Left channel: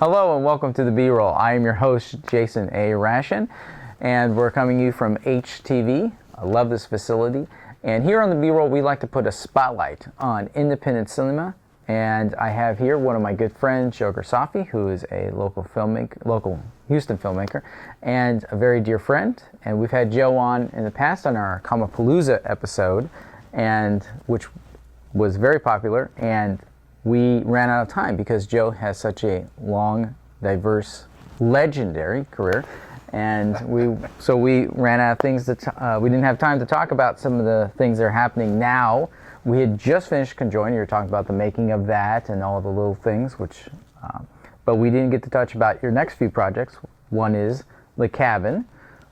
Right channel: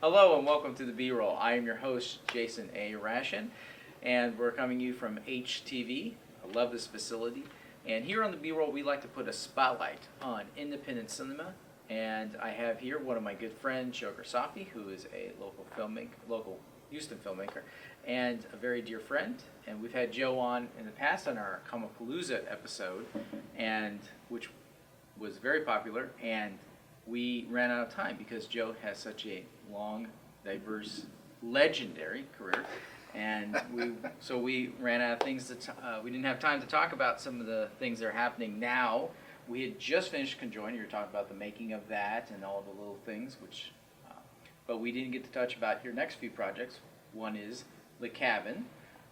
Hello and welcome to the B-Roll. I am your host, Jason A. Rashin, and we're coming to you from HTV. I love this facility. And here on the B-Roll, we like to put a spotlight on independent cinema. And I have here one of my good friends, Joe Grisaffi, who is a local Houston filmmaker, and a very dear friend. And we've had Joe on in the past on our Kamapalooza episode, and which was very popular. And we ran out of time because Joe has such a long, diverse, legendary career, and we ran out of things that we didn't have time to talk about some of the things that are happening now. We had just finished Conjoined. You were talking about the making of that and all the little things, but we didn't get to touch about your next few projects. One is The Cabin,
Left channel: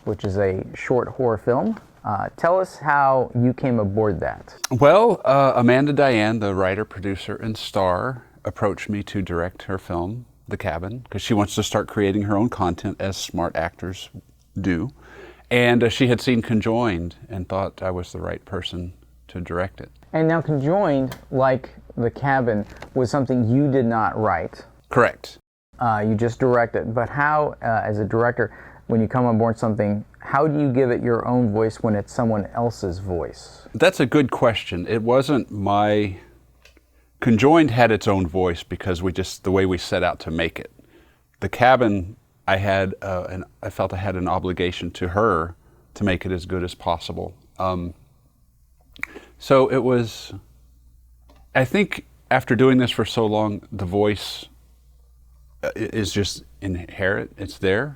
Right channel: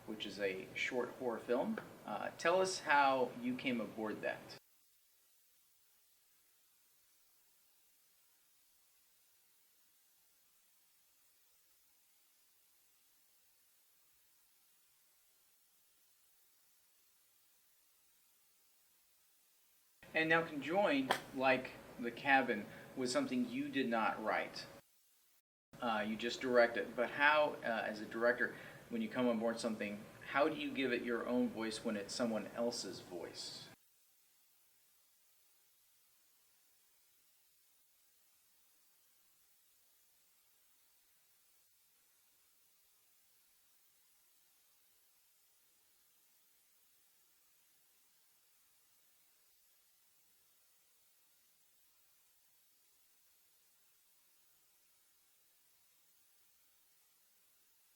which is a short horror film. Tell us how you came aboard that. Well, Amanda Diane, the writer, producer, and star, approached me to direct her film, The Cabin, because she wants to start creating her own content, as smart actors do. And she had seen Conjoined and thought I was the right person to direct it. And now Conjoined, like The Cabin, was something you did not write. Correct. You just directed. But how, as a director, when you come on board something, how do you give it your own voice when it's someone else's voice? That's a good question. It wasn't my... Conjoined had its own voice because the way we set out to make it. The Cabin, I felt I had an obligation to her to make it as good as possible. So it was, I think after doing this for so long, the voice is just inherent. It's there.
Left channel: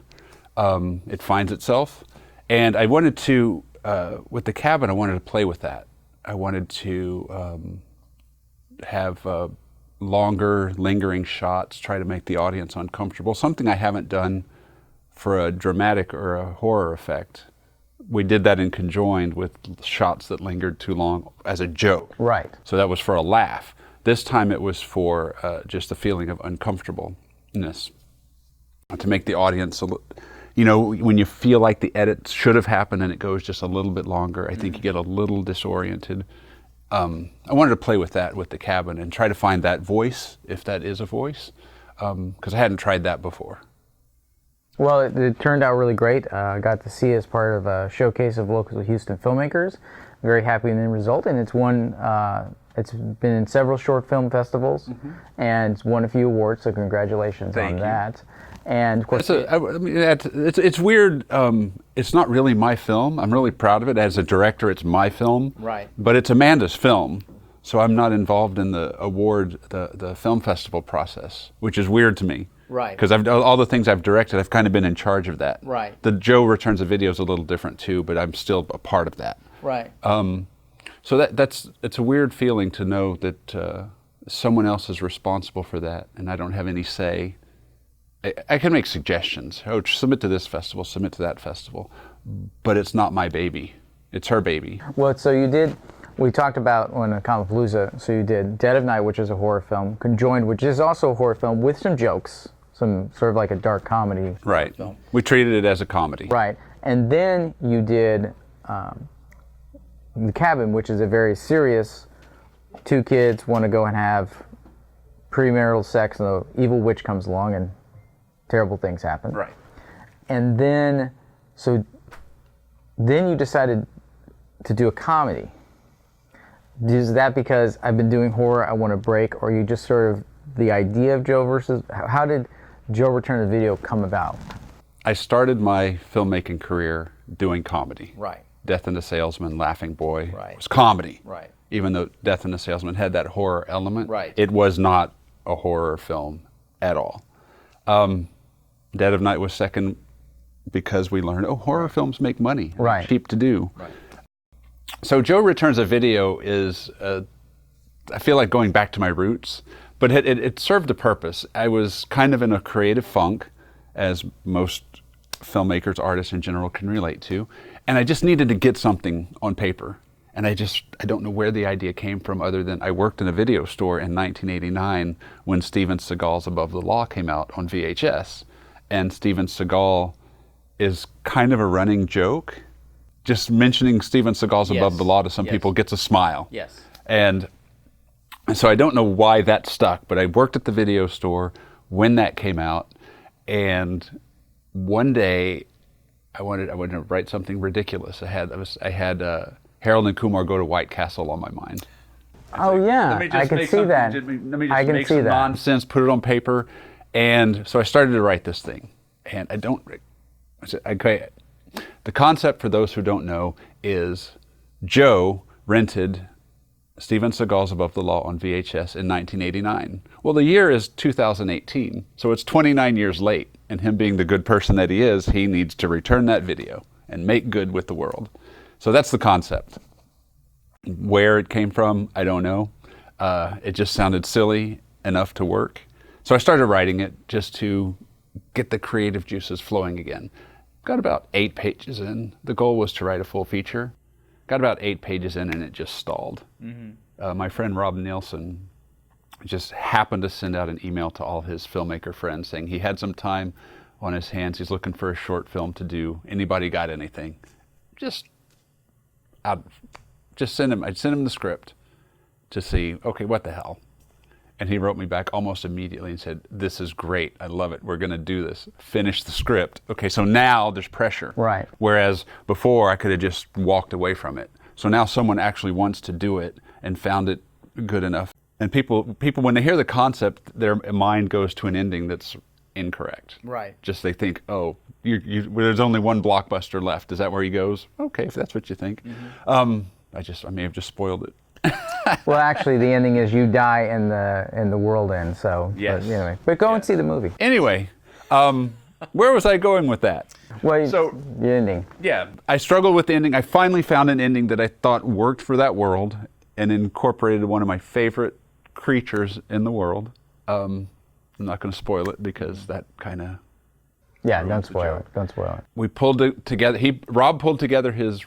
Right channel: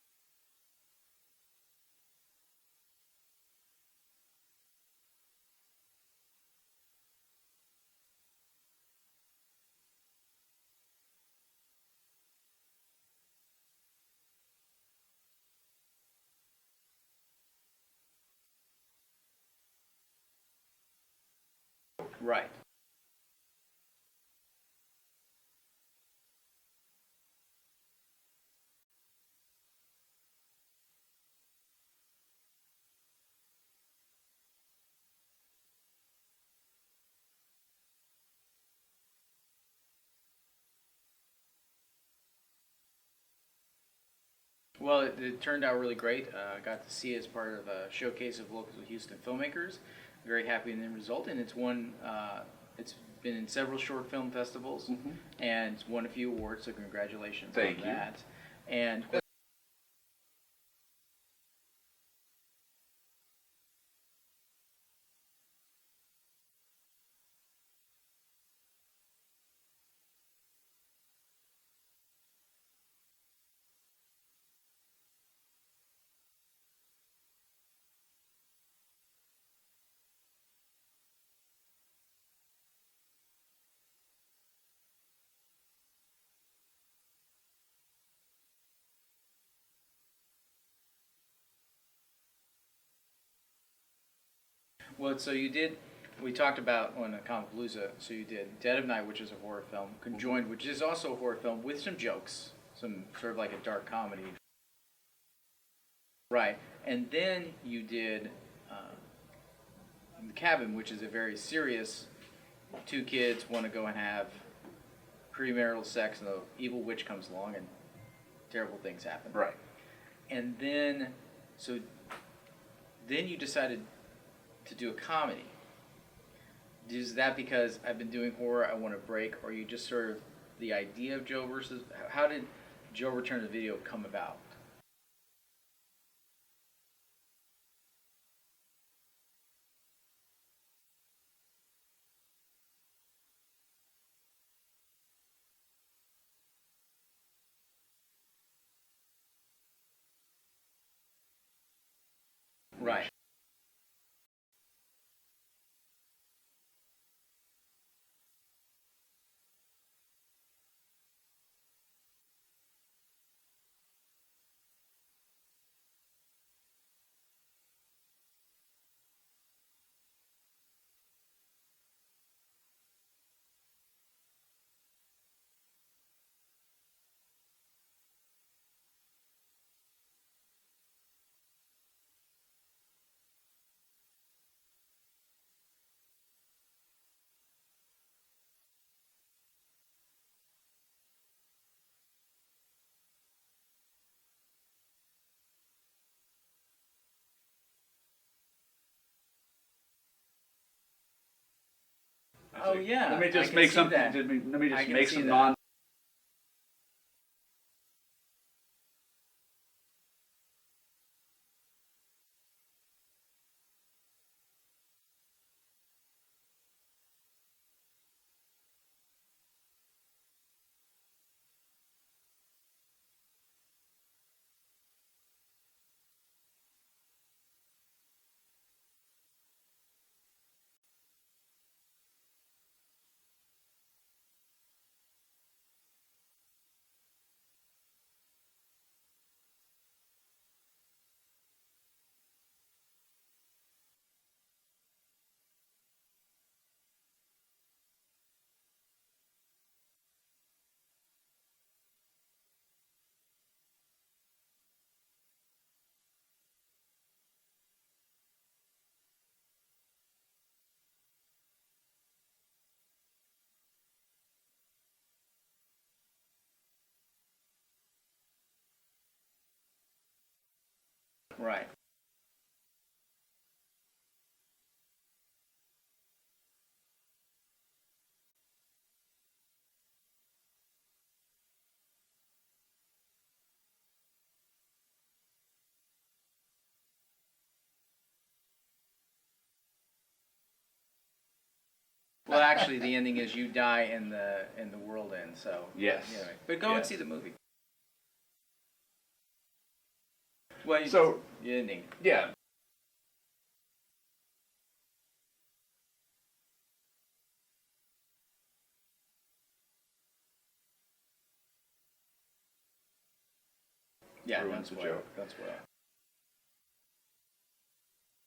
It finds itself. And I wanted to, with The Cabin, I wanted to play with that. I wanted to have longer, lingering shots, try to make the audience uncomfortable, something I haven't done for a dramatic or a horror effect. We did that in Conjoined with shots that lingered too long as a joke. Right. So that was for a laugh. This time it was for just a feeling of uncomfortableness, to make the audience when you feel like the edit should have happened and it goes just a little bit longer, I think you get a little disoriented. I wanted to play with that with The Cabin and try to find that voice, if that is a voice, because I hadn't tried that before. Well, it turned out really great. I got to see it as part of a showcase of local Houston filmmakers. Very happy with the end result, and it's been in several short film festivals, and it's won a few awards, so congratulations on that. And of course, it's weird. It's not really my film. I'm really proud of it. As a director, it's my film. Right. But it's Amanda's film, so I'm not involved in the the film festival process, which is weird to me. Right. Because all the things I've directed, I've kind of been in charge of that. Right. The Joe Returns a Video is a little different too, but I'm still a part of that. Right. So it's a weird feeling to know that someone else is responsible for that, and I don't have any say. I can make suggestions. Oh, submit to this festival, submit to that festival, but it's not my baby. It's her baby. Well, so you did. We talked about on a Kamapalooza. So you did Dead of Night, which is a horror film. Conjoined, which is also a horror film with some jokes, some sort of like a dark comedy. Right. Film. We treated it as a comedy. Right. And then you did The Cabin, which is a very serious. Two kids want to go and have premarital sex, and the evil witch comes along, and terrible things happen. Right. And then, then you decided to do a comedy. Is that because I've been doing horror, I want to break, or you just sort of the idea of Joe versus, how did Joe Return to Video come about? I started my filmmaking career doing comedy. Right. Death and the Salesman, Laughing Boy Right. was comedy. Right. Even though Death and the Salesman had that horror element, Right. It was not a horror film at all. Dead of Night was second because we learned, horror films make money. Right. They're cheap to do. Right. So Joe Returns a Video is, I feel like going back to my roots, but it served a purpose. I was kind of in a creative funk, as most filmmakers, artists in general can relate to, and I just needed to get something on paper. And I don't know where the idea came from, other than I worked in a video store in 1989 when Steven Seagal's Above the Law came out on VHS. And Steven Seagal is kind of a running joke. Just mentioning Steven Seagal's Above the Law to some people gets a smile. Yes. And so I don't know why that stuck, but I worked at the video store. when that came out, and one day I wanted to write something ridiculous. I had Harold and Kumar Go to White Castle on my mind. Oh yeah, I can see that. Let me just I can make see some that. nonsense, put it on paper, and so I started to write this thing. And the concept, for those who don't know, is Joe rented Steven Seagal's Above the Law on VHS in 1989. Well, the year is 2018, so it's 29 years late. And him being the good person that he is, he needs to return that video and make good with the world. So that's the concept. Where it came from, I don't know. It just sounded silly enough to work. So I started writing it just to get the creative juices flowing again. Got about 8 pages in. The goal was to write a full feature. Got about 8 pages in and it just stalled. Mm-hmm. My friend Rob Nielsen just happened to send out an email to all his filmmaker friends saying he had some time on his hands. He's looking for a short film to do. Anybody got anything? I'd send him the script to see, okay, what the hell? And he wrote me back almost immediately and said, this is great. I love it. We're going to do this. Finish the script. Okay, so now there's pressure. Right. Whereas before I could have just walked away from it. So now someone actually wants to do it and found it good enough. And people, when they hear the concept, their mind goes to an ending that's incorrect. Right. Just they think, oh, there's only one blockbuster left. Is that where he goes? Okay, if that's what you think. Mm-hmm. I may have just spoiled it. Well, actually, the ending is you die and the world ends. So yes. But anyway, but go and see the movie. Anyway, where was I going with that? Well, so the ending. Yeah, I struggled with the ending. I finally found an ending that I thought worked for that world and incorporated one of my favorite creatures in the world. I'm not going to spoil it because that kind of. Yeah, don't spoil it. Don't spoil it. We pulled it together. Rob pulled together his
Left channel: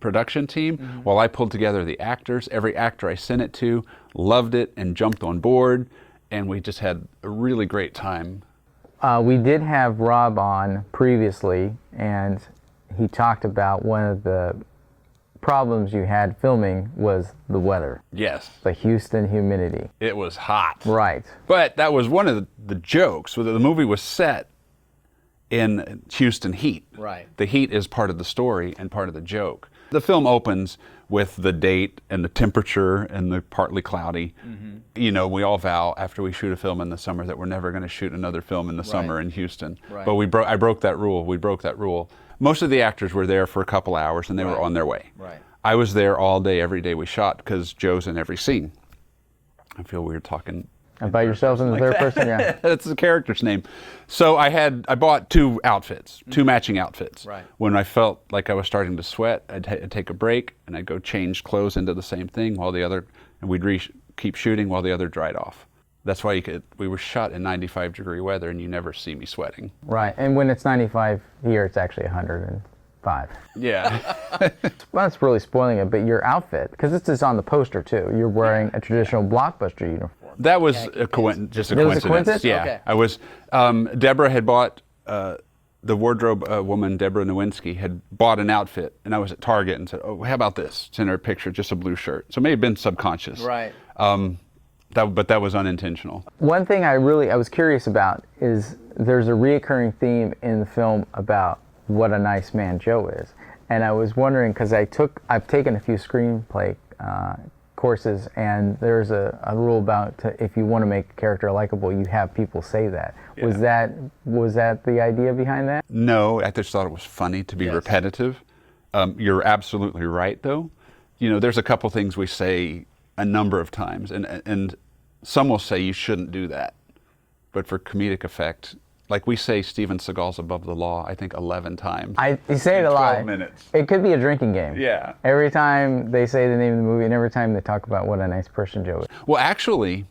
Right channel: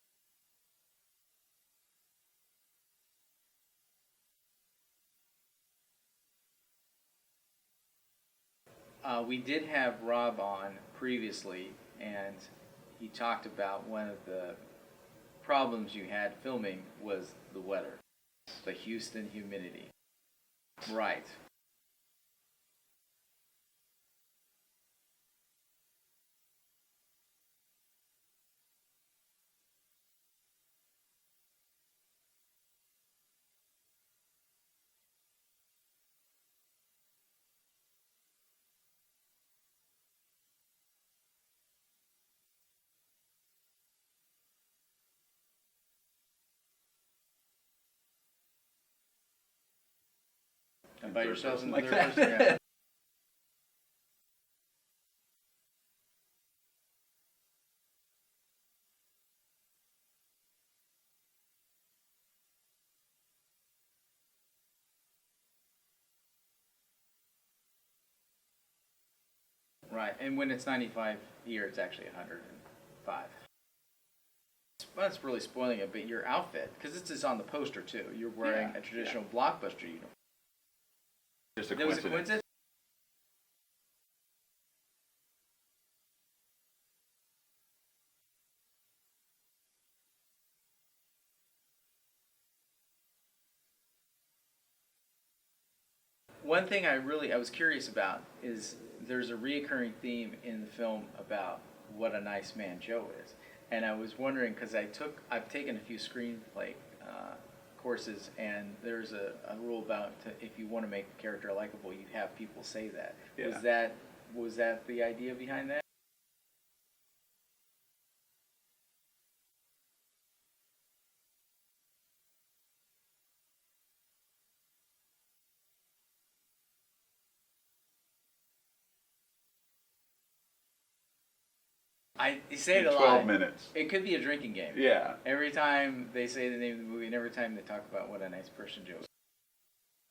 production team, while I pulled together the actors. Every actor I sent it to loved it and jumped on board, and we just had a really great time. We did have Rob on previously, and he talked about one of the problems you had filming was the weather. Yes. The Houston humidity. It was hot. Right. But that was one of the jokes. The movie was set in Houston heat. Right. The heat is part of the story and part of the joke. The film opens with the date and the temperature and the partly cloudy. Mm-hmm. You know, we all vow after we shoot a film in the summer that we're never going to shoot another film in the summer in Houston. Right. But I broke that rule. We broke that rule. Most of the actors were there for a couple hours and they were on their way. Right. I was there all day, every day we shot because Joe's in every scene. I feel weird talking. And by yourselves in the third person, yeah. That's the character's name. So I bought 2 outfits, 2 matching outfits. Right. When I felt like I was starting to sweat, I'd take a break and I'd go change clothes into the same thing and we'd keep shooting while the other dried off. That's why we were shot in 95-degree weather and you never see me sweating. Right, and when it's 95 here, it's actually 105. Yeah. Well, that's really spoiling it, but your outfit, because this is on the poster too, you're wearing a traditional Blockbuster uniform. That was just a coincidence. It was a coincidence? Yeah. Okay. I was, Deborah had bought, the wardrobe woman, Deborah Nowinski, had bought an outfit, and I was at Target and said, oh, how about this? Send her a picture, just a blue shirt. So it may have been subconscious. Right. But that was unintentional. One thing I was curious about is there's a reoccurring theme in the film about what a nice man Joe is. And I was wondering, because I've taken a few screenplay courses, and there's a rule about if you want to make a character likable, you have people say that. Yeah. Was that the idea behind that? No, I just thought it was funny to be repetitive. You're absolutely right, though. You know, there's a couple things we say a number of times, and some will say you shouldn't do that. But for comedic effect, like we say Steven Seagal's Above the Law, I think 11 times. You say it a lot. 12 minutes. It could be a drinking game. Yeah. Every time they say the name of the movie and every time they talk about what a nice person Joe is. Well, actually,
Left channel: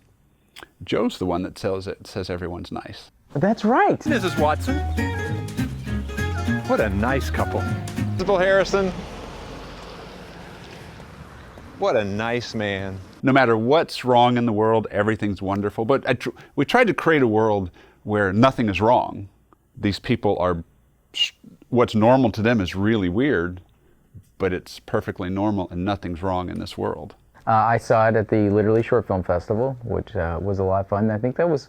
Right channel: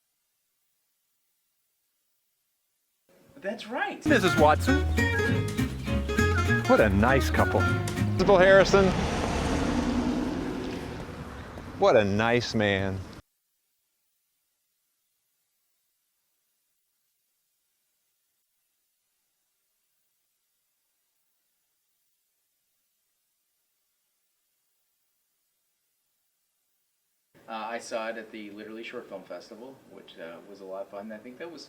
Joe's the one that says everyone's nice. That's right. Mrs. Watson. What a nice couple. Principal Harrison. What a nice man. No matter what's wrong in the world, everything's wonderful. But we tried to create a world where nothing is wrong. These people are, what's normal to them is really weird, but it's perfectly normal and nothing's wrong in this world. I saw it at the Literally Short Film Festival, which was a lot of fun. I think it was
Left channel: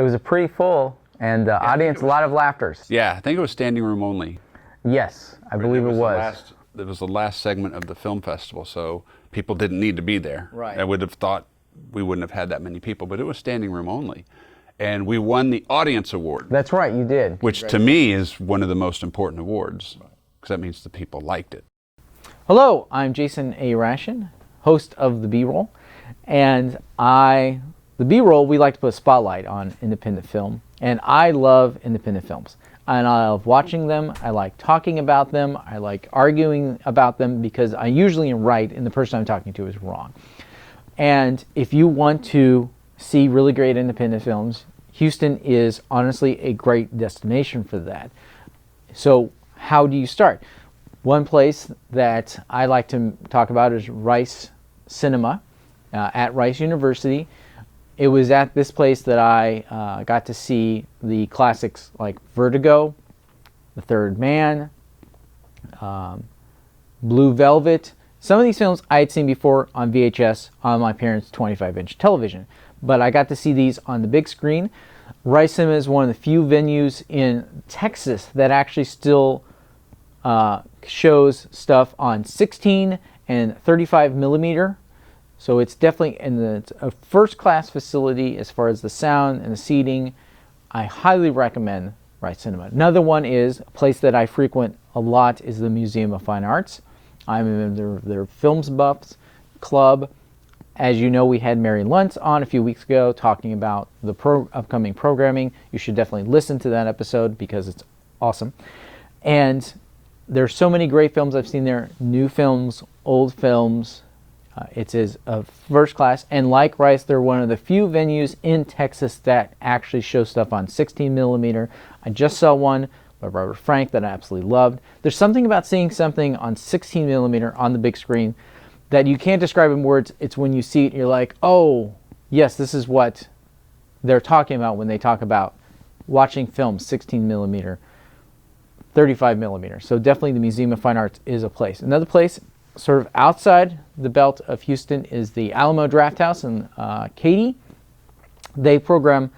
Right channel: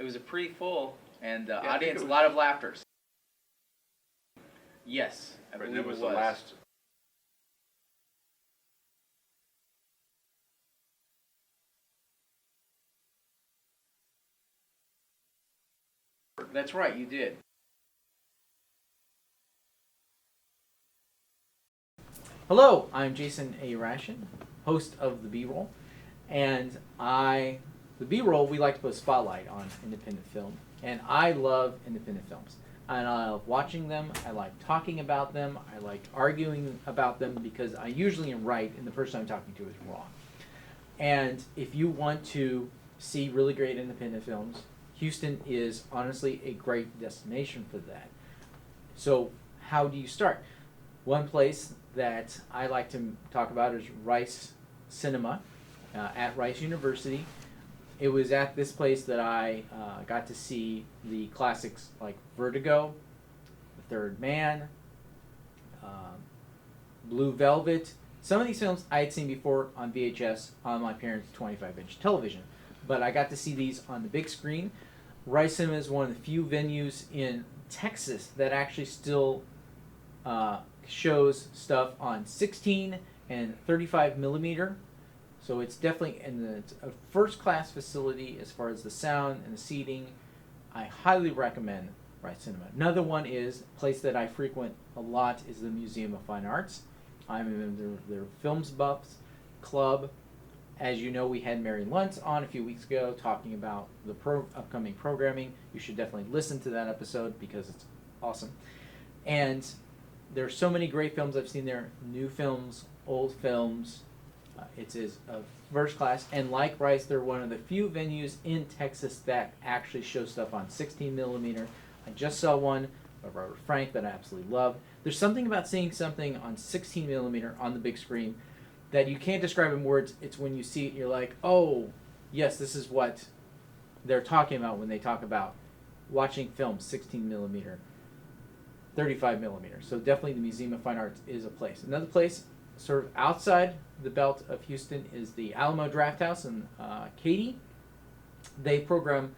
It was a pretty full, and audience, a lot of laughters. Yeah, I think it was standing room only. Yes, I believe it was. It was the last segment of the film festival, so people didn't need to be there. Right. I would have thought we wouldn't have had that many people, but it was standing room only. And we won the audience award. That's right, you did. Which to me is one of the most important awards, because that means the people liked it. Hello, I'm Jason A. Ration, host of The B-Roll. And the B-Roll, we like to put a spotlight on independent film. And I love independent films. And I love watching them, I like talking about them, I like arguing about them, because I usually am right and the person I'm talking to is wrong. And if you want to see really great independent films, Houston is honestly a great destination for that. So how do you start? One place that I like to talk about is Rice Cinema at Rice University. It was at this place that I got to see the classics like Vertigo, The Third Man, Blue Velvet. Some of these films I had seen before on VHS on my parents' 25-inch television, but I got to see these on the big screen. Rice Cinema is one of the few venues in Texas that actually still shows stuff on 16 and 35 millimeter. So it's definitely it's a first-class facility as far as the sound and the seating. I highly recommend Rice Cinema. Another one is a place that I frequent a lot is the Museum of Fine Arts. I'm in their Films Buffs Club. As you know, we had Mary Luntz on a few weeks ago talking about the upcoming programming. You should definitely listen to that episode because it's awesome. And there's so many great films I've seen there, new films, old films. It is a first class, and like Rice, they're one of the few venues in Texas that actually show stuff on 16 millimeter. I just saw one by Robert Frank that I absolutely loved. There's something about seeing something on 16 millimeter on the big screen that you can't describe in words. It's when you see it, you're like, oh, yes, this is what they're talking about when they talk about watching films 16 millimeter, 35 millimeter. So definitely the Museum of Fine Arts is a place. Another place sort of outside the belt of Houston is the Alamo Drafthouse in Katy. They program,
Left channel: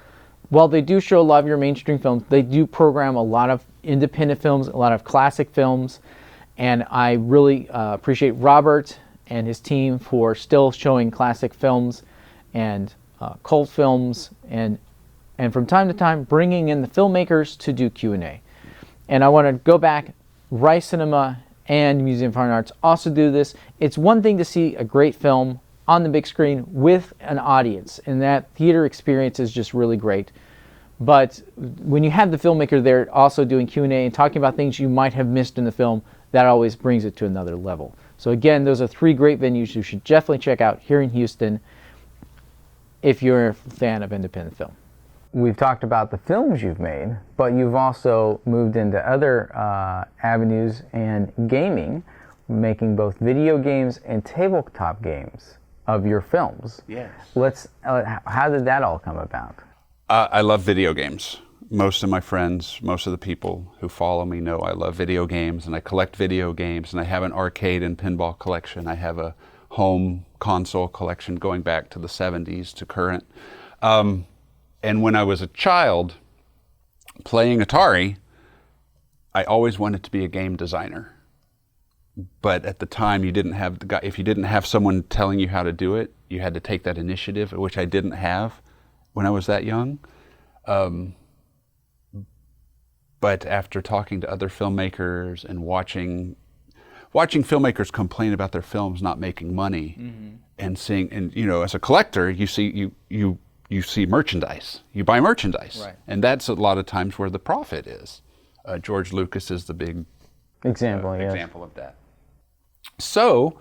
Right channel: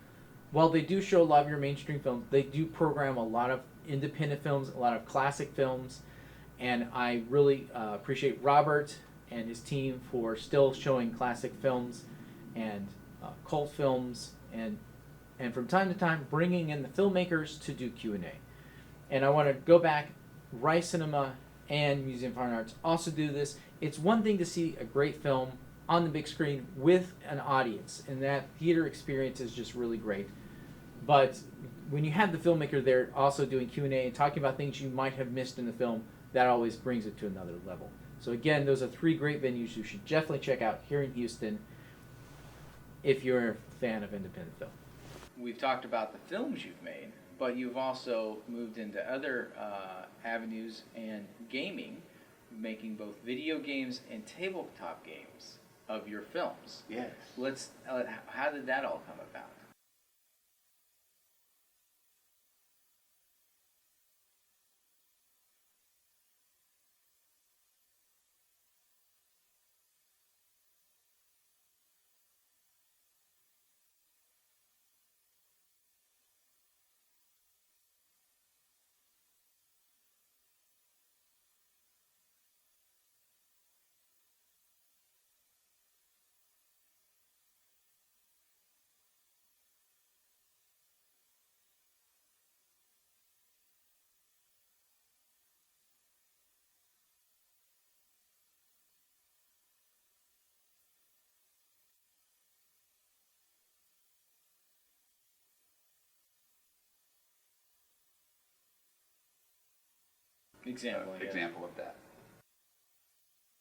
while they do show a lot of your mainstream films, they do program a lot of independent films, a lot of classic films, and I really appreciate Robert and his team for still showing classic films and cult films, and from time to time bringing in the filmmakers to do Q&A. And I want to go back, Rice Cinema and Museum of Fine Arts also do this. It's one thing to see a great film on the big screen with an audience, and that theater experience is just really great. But when you have the filmmaker there also doing Q&A and talking about things you might have missed in the film, that always brings it to another level. So again, those are three great venues you should definitely check out here in Houston if you're a fan of independent film. We've talked about the films you've made, but you've also moved into other avenues and gaming, making both video games and tabletop games of your films. Yes. How did that all come about? I love video games. Most of my friends, most of the people who follow me know I love video games, and I collect video games, and I have an arcade and pinball collection. I have a home console collection going back to the 70s to current. And when I was a child playing Atari, I always wanted to be a game designer. But at the time, you didn't have the guy. If you didn't have someone telling you how to do it, you had to take that initiative, which I didn't have when I was that young. But after talking to other filmmakers and watching filmmakers complain about their films not making money, and seeing, and you know, as a collector, you see merchandise. You buy merchandise, right. And that's a lot of times where the profit is. George Lucas is the big example of that. So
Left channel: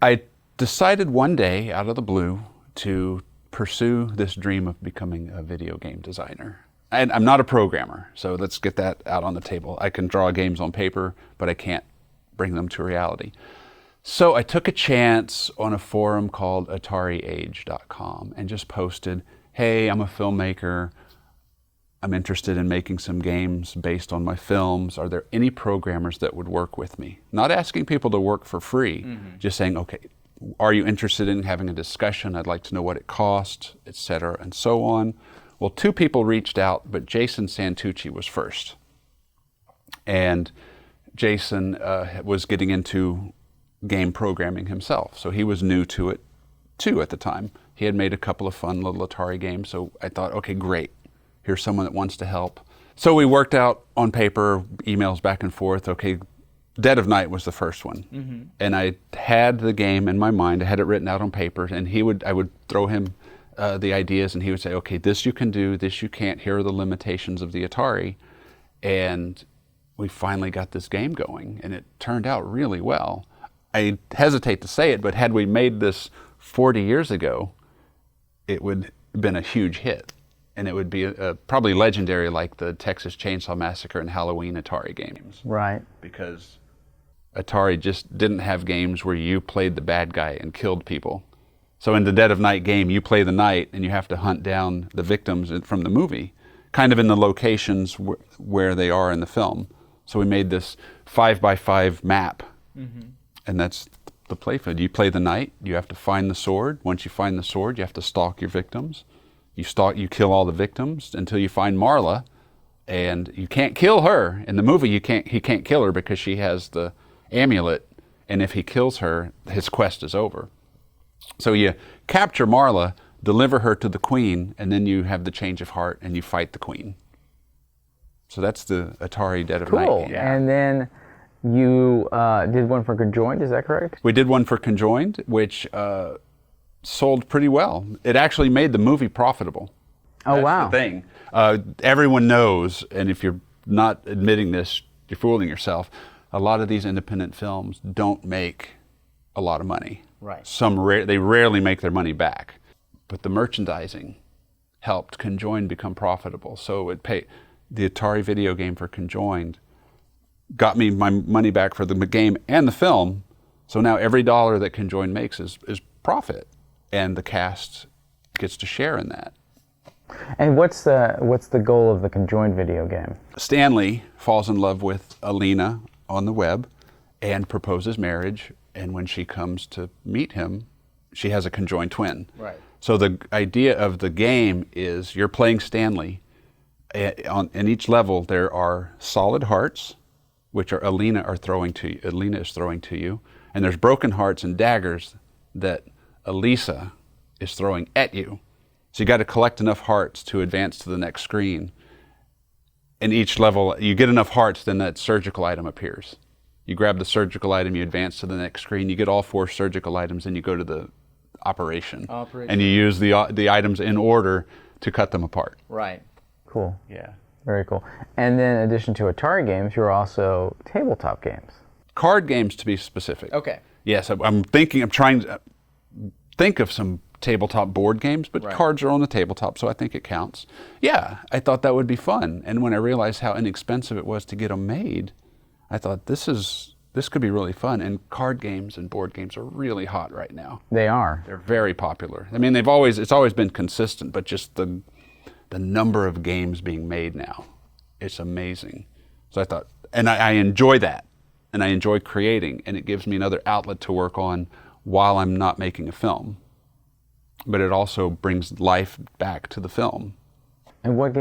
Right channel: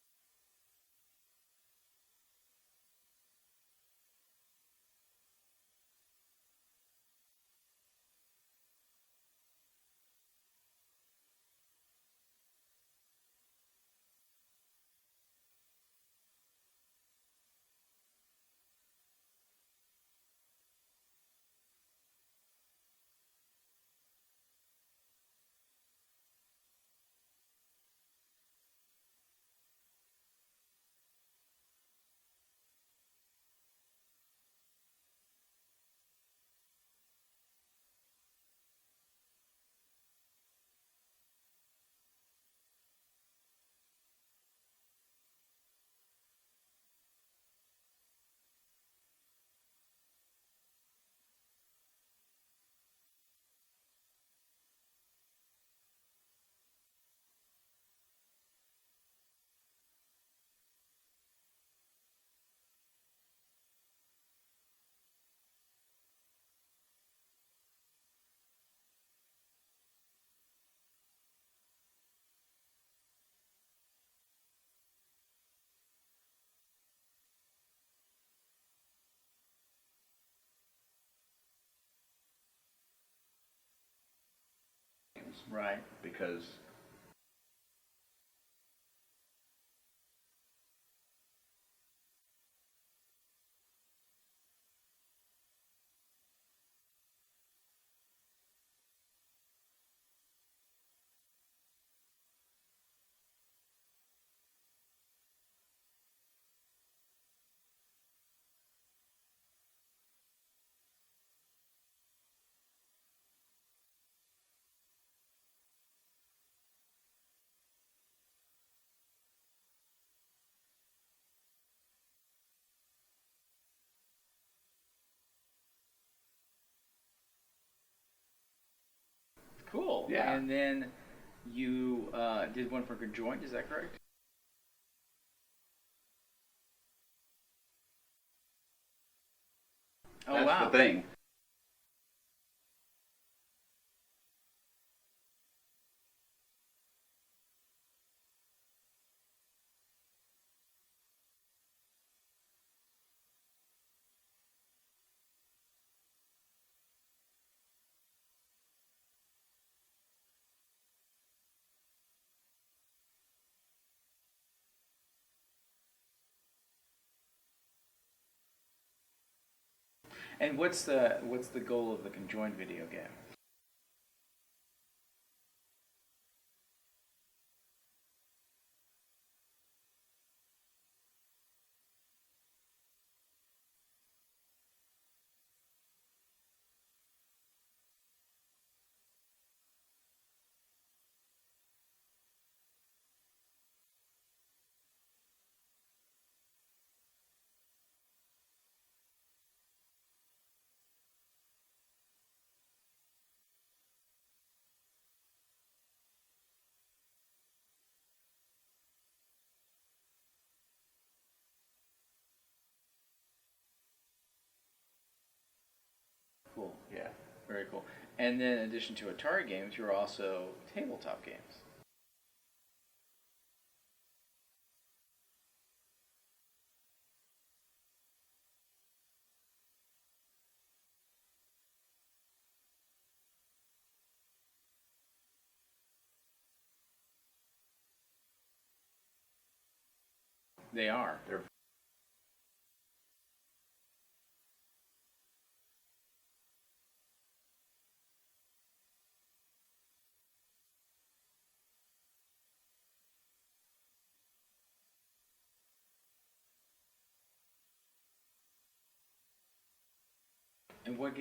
I decided one day out of the blue to pursue this dream of becoming a video game designer. And I'm not a programmer, so let's get that out on the table. I can draw games on paper, but I can't bring them to reality. So I took a chance on a forum called AtariAge.com and just posted, hey, I'm a filmmaker. I'm interested in making some games based on my films. Are there any programmers that would work with me? Not asking people to work for free, just saying, okay, are you interested in having a discussion? I'd like to know what it costs, et cetera, and so on. Well, two people reached out, but Jason Santucci was first. And Jason was getting into game programming himself, so he was new to it too at the time. He had made a couple of fun little Atari games, so I thought, okay, great. Here's someone that wants to help. So we worked out on paper, emails back and forth. Okay, Dead of Night was the first one. And I had the game in my mind. I had it written out on paper, and I would throw him the ideas, and he would say, okay, this you can do, this you can't. Here are the limitations of the Atari. And we finally got this game going, and it turned out really well. I hesitate to say it, but had we made this 40 years ago, it would have been a huge hit. And it would be probably legendary, like the Texas Chainsaw Massacre and Halloween Atari games. Right. Because Atari just didn't have games where you played the bad guy and killed people. So in the Dead of Night game, you play the night and you have to hunt down the victims from the movie, kind of in the locations where they are in the film. So we made this 5x5 map, and that's the playfield. You play the night, you have to find the sword. Once you find the sword, you have to stalk your victims. You kill all the victims until you find Marla, and you can't kill her. In the movie, he can't kill her because she has the amulet, and if he kills her, his quest is over. So you capture Marla, deliver her to the queen, and then you have the change of heart and you fight the queen. So that's the Atari Dead of Night Cool. game. And then you did one for Conjoined, is that correct? We did one for Conjoined, which sold pretty well. It actually made the movie profitable. Oh, That's wow. the thing. Everyone knows, and if you're not admitting this, you're fooling yourself. A lot of these independent films don't make a lot of money. Right. They rarely make their money back. But the merchandising helped Conjoined become profitable. So the Atari video game for Conjoined got me my money back for the game and the film. So now every dollar that Conjoined makes is profit, and the cast gets to share in that. And what's the goal of the Conjoined video game? Stanley falls in love with Alina on the web and proposes marriage, and when she comes to meet him, she has a conjoined twin. Right. So the idea of the game is you're playing Stanley. In each level, there are solid hearts, which Alina is throwing to you, and there's broken hearts and daggers that Elisa is throwing at you. So you got to collect enough hearts to advance to the next screen. In each level, you get enough hearts, then that surgical item appears. You grab the surgical item, you advance to the next screen, you get all 4 surgical items, and you go to the operation. And you use the items in order to cut them apart. Right. Cool. Yeah. Very cool. And then in addition to Atari games, you're also tabletop games. Card games, to be specific. Okay. Yes, I'm trying to think of some tabletop board games, but cards are on the tabletop, so I think it counts. Yeah, I thought that would be fun. And when I realized how inexpensive it was to get them made, I thought this could be really fun. And card games and board games are really hot right now. They are. They're very popular. I mean, it's always been consistent, but just the number of games being made now, it's amazing. So I thought, and I enjoy that, and I enjoy creating, and it gives me another outlet to work on while I'm not making a film. But it also brings life back to the film. And what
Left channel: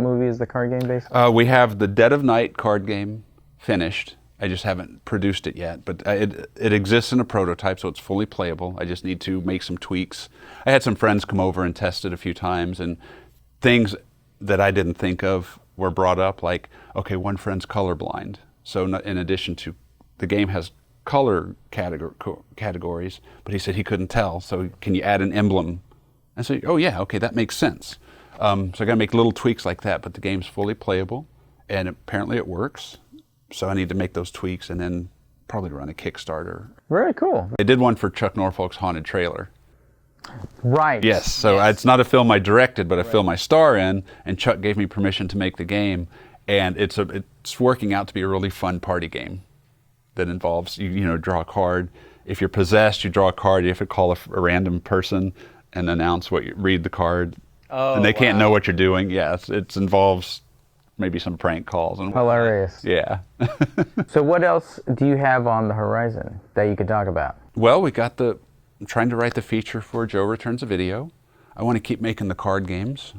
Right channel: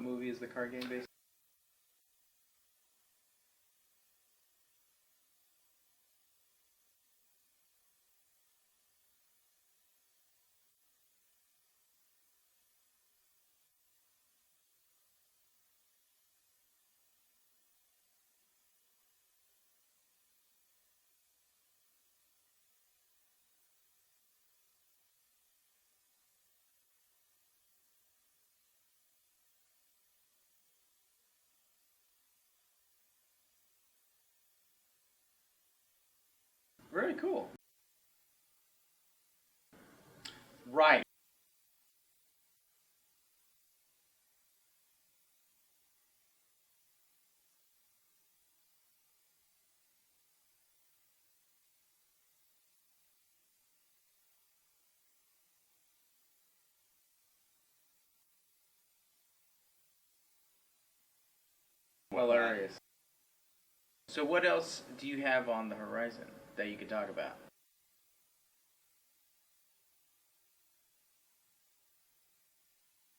movie is the card game based on? We have the Dead of Night card game finished. I just haven't produced it yet, but it exists in a prototype, so it's fully playable. I just need to make some tweaks. I had some friends come over and test it a few times, and things that I didn't think of were brought up, like, okay, one friend's colorblind. So in addition to, the game has color categories, but he said he couldn't tell, so can you add an emblem? I said, oh yeah, okay, that makes sense. So I gotta make little tweaks like that, but the game's fully playable, and apparently it works. So I need to make those tweaks and then probably run a Kickstarter. Very cool. I did one for Chuck Norfolk's Haunted Trailer. Right. Yes, so it's not a film I directed, but a film I star in, and Chuck gave me permission to make the game, and it's working out to be a really fun party game that involves, you draw a card. If you're possessed, you draw a card, you have to call a random person and announce read the card. Oh, and they can't know what you're doing. Yes, it involves maybe some prank calls. And hilarious. Yeah. So what else do you have on the horizon that you could talk about? Well, I'm trying to write the feature for Joe Returns a Video. I want to keep making the card games.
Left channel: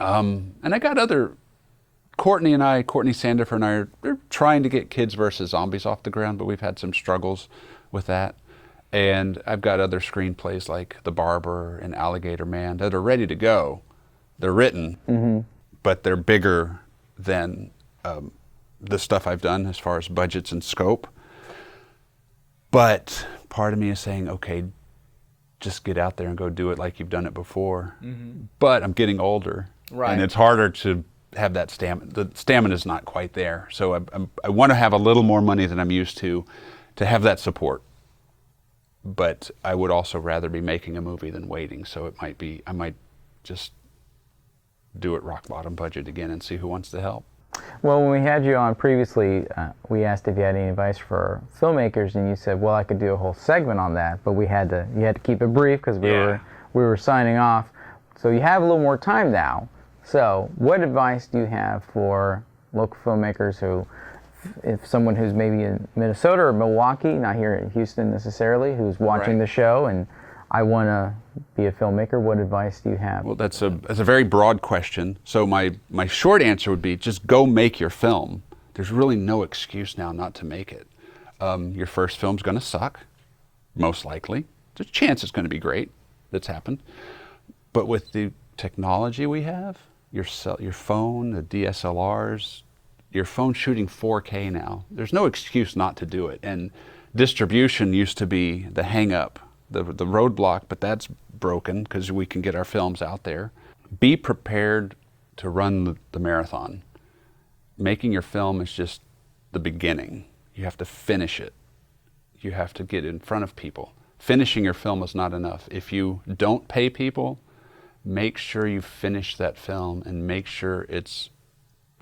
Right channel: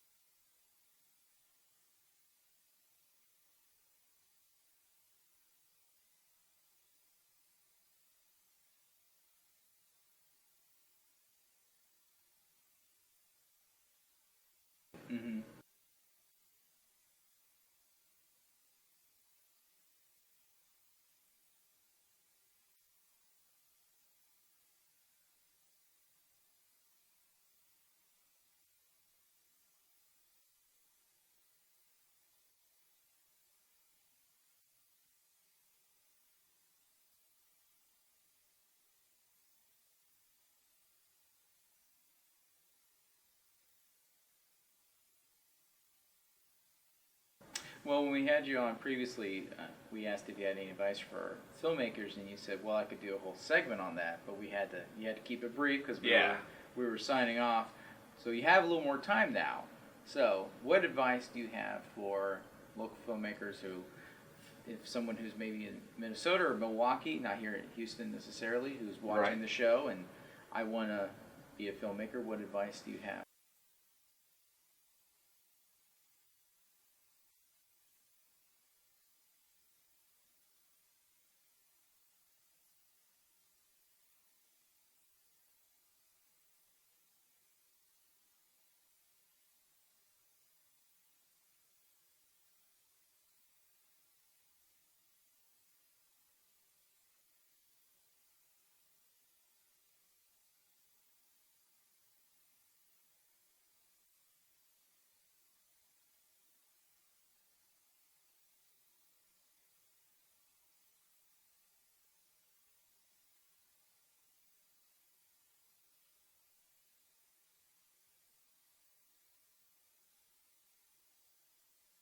And I got Courtney Sandifer and I are trying to get Kids versus Zombies off the ground, but we've had some struggles with that. And I've got other screenplays like The Barber and Alligator Man that are ready to go. They're written, but they're bigger than the stuff I've done as far as budgets and scope. But part of me is saying, okay, just get out there and go do it like you've done it before. But I'm getting older, and it's harder to have that stamina. The stamina is not quite there. So I want to have a little more money than I'm used to have that support. But I would also rather be making a movie than waiting. So I might just do it rock bottom budget again and see who wants to help. Well, when we had you on previously, we asked if you had any advice for filmmakers, and you said, well, I could do a whole segment on that, but you had to keep it brief because we were signing off. So you have a little more time now. So what advice do you have for local filmmakers who, if someone who's maybe in Minnesota or Milwaukee, not here in Houston necessarily, who's watching the show and I want to be a filmmaker, what advice do you have? Well, that's a very broad question. So my short answer would be just go make your film. There's really no excuse now not to make it. Your first film's going to suck, most likely. There's a chance it's going to be great. That's happened. But with the technology we have, your phone, the DSLRs, your phone shooting 4K now, there's no excuse not to do it. And distribution used to be the hang-up, the roadblock, but that's broken because we can get our films out there. Be prepared to run the marathon. Making your film is just the beginning. You have to finish it. You have to get in front of people. Finishing your film is not enough. If you don't pay people, make sure you finish that film and make sure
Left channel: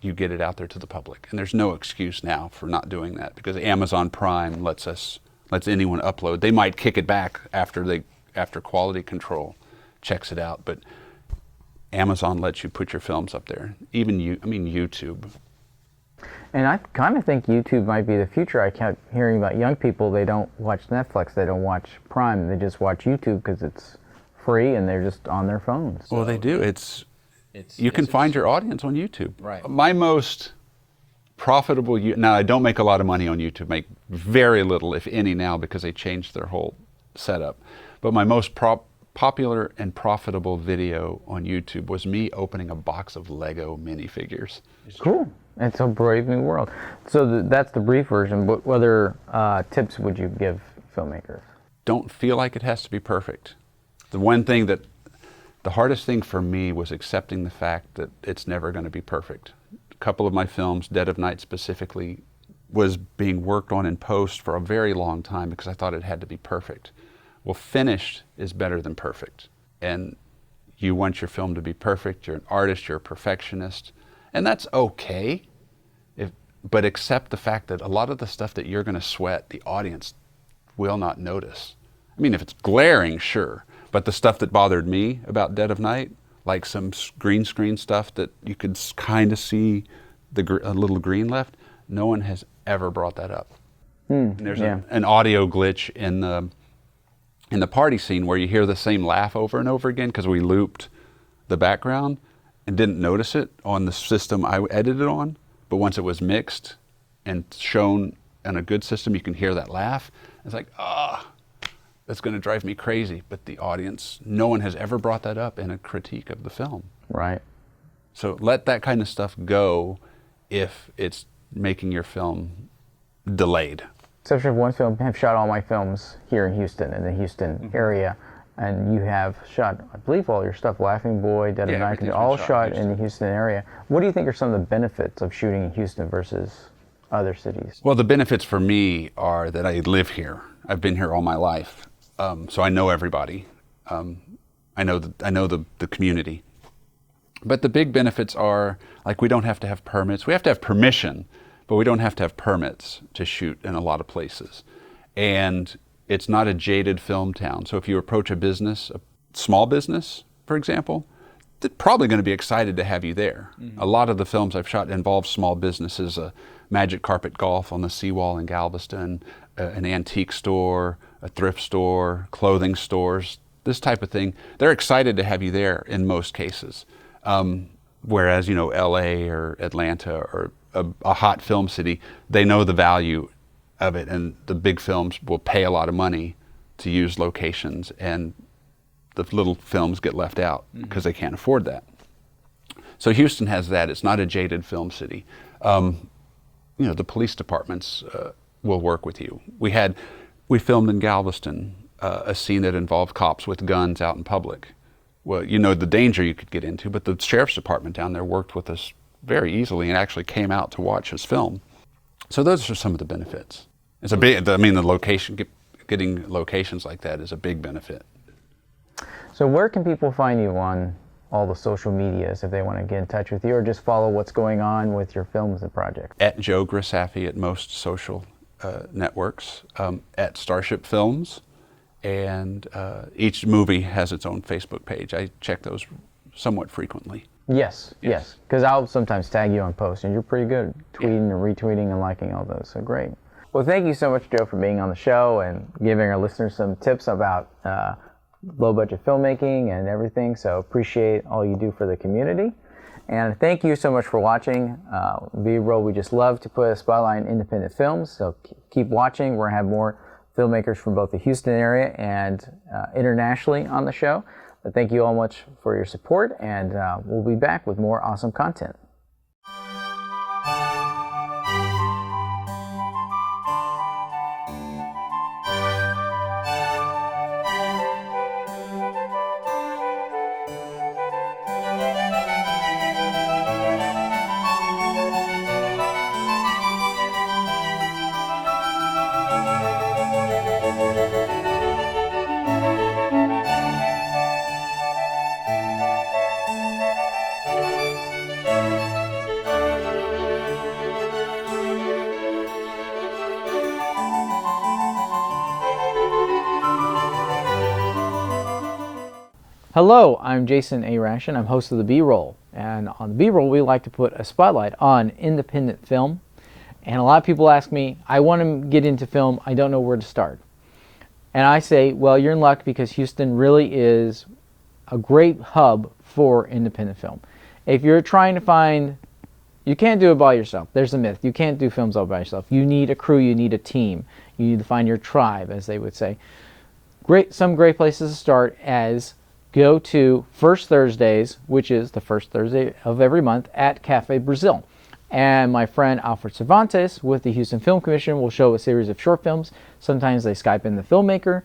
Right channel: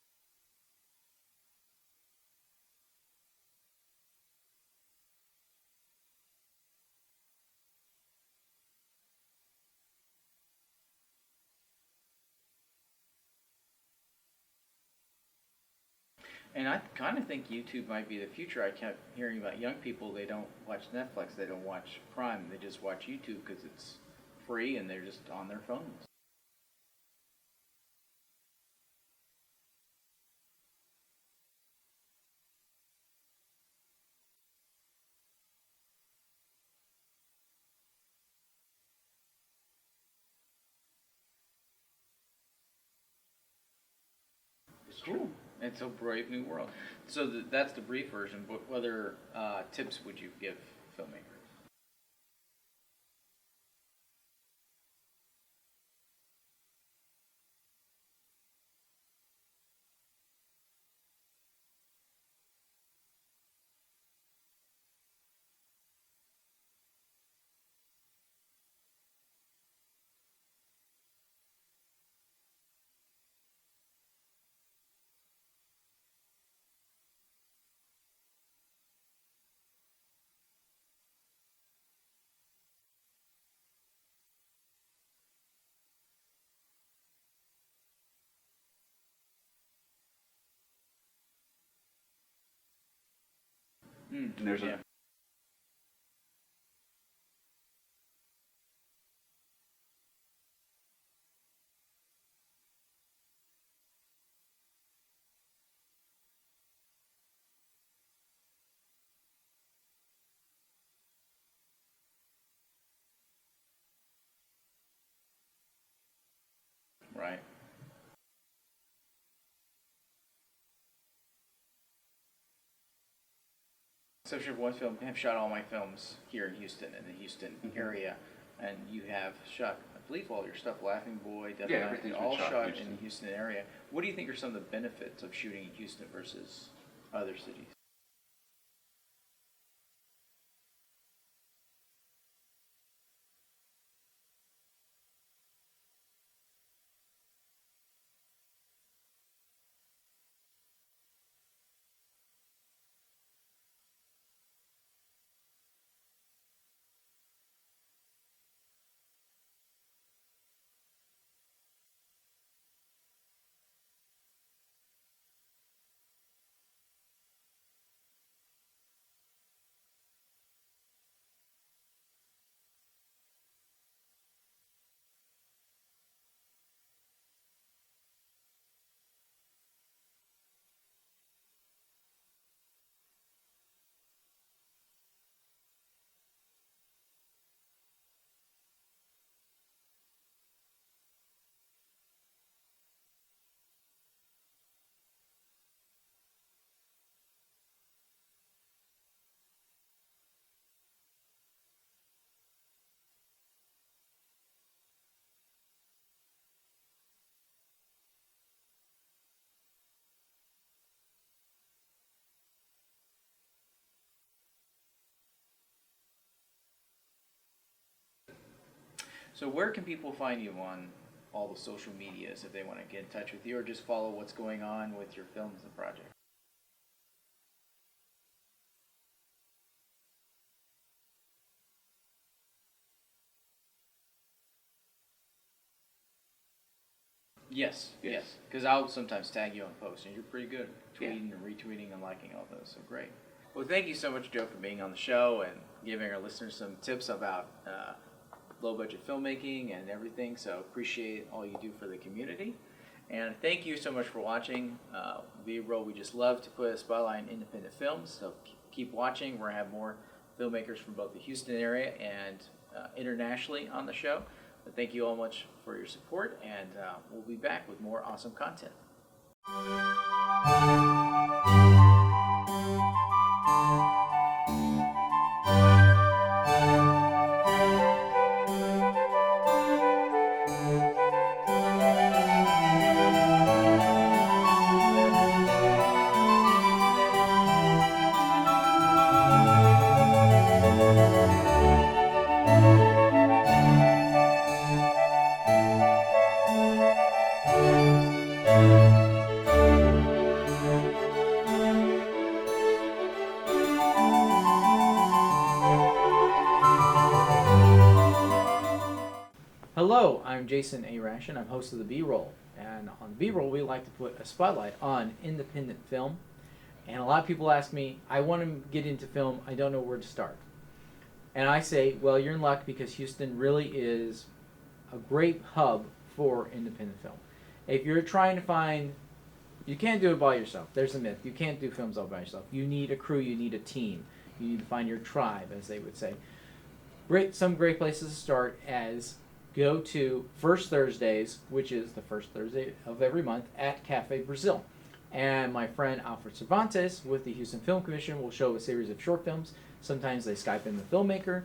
you get it out there to the public. And there's no excuse now for not doing that because Amazon Prime lets anyone upload. They might kick it back after quality control checks it out, but Amazon lets you put your films up there. Even YouTube. And I kind of think YouTube might be the future. I kept hearing about young people, they don't watch Netflix, they don't watch Prime, they just watch YouTube because it's free and they're just on their phones. Well, they do. You can find your audience on YouTube. Right. My most profitable, now I don't make a lot of money on YouTube, make very little, if any now, because they changed their whole setup. But my most popular and profitable video on YouTube was me opening a box of Lego minifigures. Cool. It's a brave new world. So that's the brief version, but what other tips would you give filmmakers? Don't feel like it has to be perfect. The hardest thing for me was accepting the fact that it's never going to be perfect. A couple of my films, Dead of Night specifically, was being worked on in post for a very long time because I thought it had to be perfect. Well, finished is better than perfect. And you want your film to be perfect, you're an artist, you're a perfectionist, and that's okay. But accept the fact that a lot of the stuff that you're going to sweat, the audience will not notice. I mean, if it's glaring, sure. But the stuff that bothered me about Dead of Night, like some green screen stuff that you could kind of see a little green left, no one has ever brought that up. And there's an audio glitch in the party scene where you hear the same laugh over and over again because we looped the background and didn't notice it on the system I edited on. But once it was mixed and shown in a good system, you can hear that laugh. It's like, that's going to drive me crazy. But the audience, no one has ever brought that up in a critique of the film. Right. So let that kind of stuff go if it's making your film delayed. Exception of one film, I've shot all my films here in Houston, in the Houston area. And you have shot, I believe, all your stuff, Laughing Boy, Dead of Night, all shot in the Houston area. What do you think are some of the benefits of shooting in Houston versus other cities? Well, the benefits for me are that I live here. I've been here all my life. So I know everybody. I know the community. But the big benefits are, like, we don't have to have permits. We have to have permission, but we don't have to have permits to shoot in a lot of places. And it's not a jaded film town. So if you approach a small business, for example, they're probably going to be excited to have you there. A lot of the films I've shot involve small businesses, Magic Carpet Golf on the seawall in Galveston, an antique store, a thrift store, clothing stores, this type of thing. They're excited to have you there in most cases. Whereas, LA or Atlanta or a hot film city, they know the value of it, and the big films will pay a lot of money to use locations, and the little films get left out because they can't afford that. So Houston has that. It's not a jaded film city. The police departments will work with you. We filmed in Galveston a scene that involved cops with guns out in public. Well, the danger you could get into, but the sheriff's department down there worked with us very easily and actually came out to watch us film. So those are some of the benefits. It's the location, getting locations like that is a big benefit. So where can people find you on all the social medias if they want to get in touch with you, or just follow what's going on with your films and projects? At Joe Grisaffi at most social networks, at Starship Films, and each movie has its own Facebook page. I check those somewhat frequently. Yes, because I'll sometimes tag you on posts, and you're pretty good at tweeting and retweeting and liking all those, so great. Well, thank you so much, Joe, for being on the show and giving our listeners some tips about low-budget filmmaking and everything, so appreciate all you do for the community. And thank you so much for watching B-Roll. We just love to put a spotlight on independent films, so keep watching. We're going to have more filmmakers from both the Houston area and internationally on the show. But thank you all much for your support, and we'll be back with more awesome content. Hello, I'm Jason A. Ration. I'm host of the B-Roll. And on the B-Roll, we like to put a spotlight on independent film. And a lot of people ask me, I want to get into film, I don't know where to start. And I say, well, you're in luck, because Houston really is a great hub for independent film. If you're trying to find, you can't do it by yourself. There's a myth. You can't do films all by yourself. You need a crew, you need a team. You need to find your tribe, as they would say. Some great places to start as go to First Thursdays, which is the first Thursday of every month, at Cafe Brazil. And my friend Alfred Cervantes with the Houston Film Commission will show a series of short films. Sometimes they Skype in the filmmaker.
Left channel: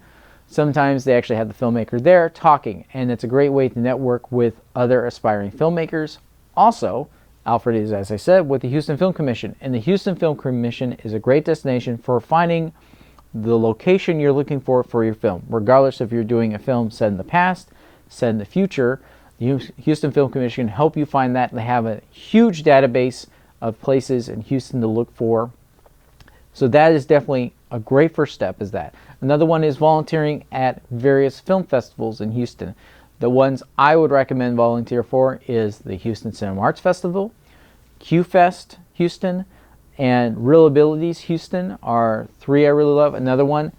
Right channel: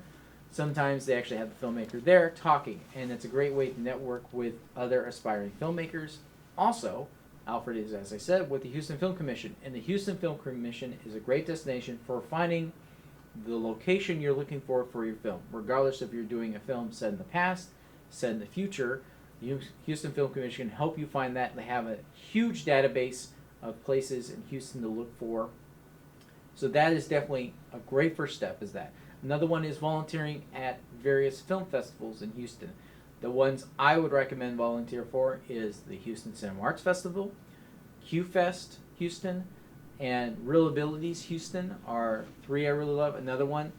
Sometimes they actually have the filmmaker there talking. And it's a great way to network with other aspiring filmmakers. Also, Alfred is, as I said, with the Houston Film Commission. And the Houston Film Commission is a great destination for finding the location you're looking for your film. Regardless if you're doing a film set in the past, set in the future, the Houston Film Commission can help you find that. They have a huge database of places in Houston to look for. So that is definitely a great first step, is that. Another one is volunteering at various film festivals in Houston. The ones I would recommend volunteer for is the Houston Cinema Arts Festival, Q-Fest Houston, and Real Abilities Houston are three I really love. Another one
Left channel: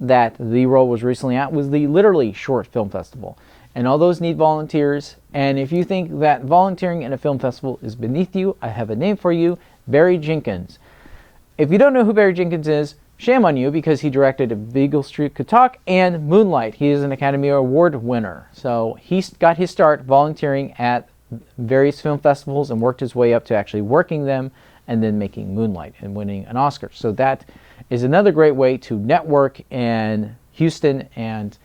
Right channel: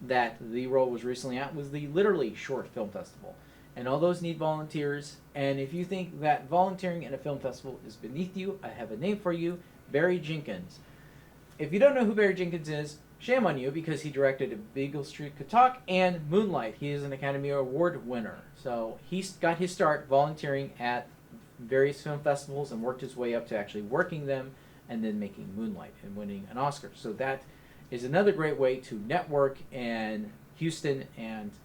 that the role was recently at was the Literally Short Film Festival. And all those need volunteers. And if you think that volunteering at a film festival is beneath you, I have a name for you, Barry Jenkins. If you don't know who Barry Jenkins is, shame on you, because he directed A Beagle Street Could Talk and Moonlight. He is an Academy Award winner. So he got his start volunteering at various film festivals and worked his way up to actually working them and then making Moonlight and winning an Oscar. So that is another great way to network in Houston and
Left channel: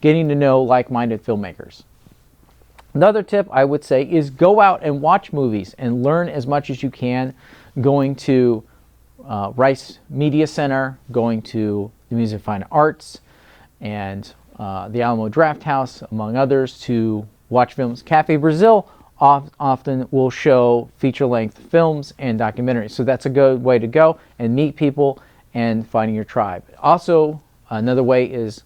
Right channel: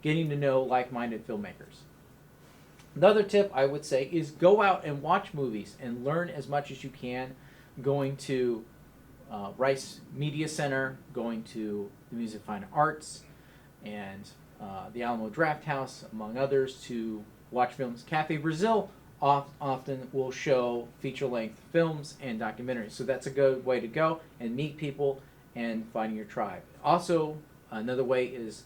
getting to know like-minded filmmakers. Another tip I would say is go out and watch movies and learn as much as you can, going to Rice Media Center, going to the Museum of Fine Arts, and the Alamo Draft House, among others, to watch films. Cafe Brazil often will show feature-length films and documentaries. So that's a good way to go and meet people and finding your tribe. Also, another way is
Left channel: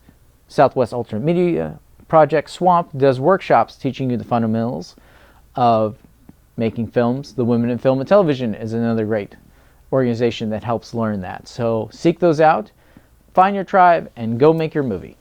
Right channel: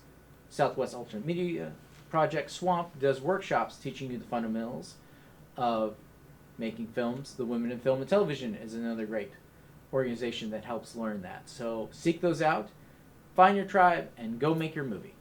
Southwest Alternate Media Project Swamp does workshops teaching you the fundamentals of making films. The Women in Film and Television is another great organization that helps learn that. So seek those out, find your tribe, and go make your movie.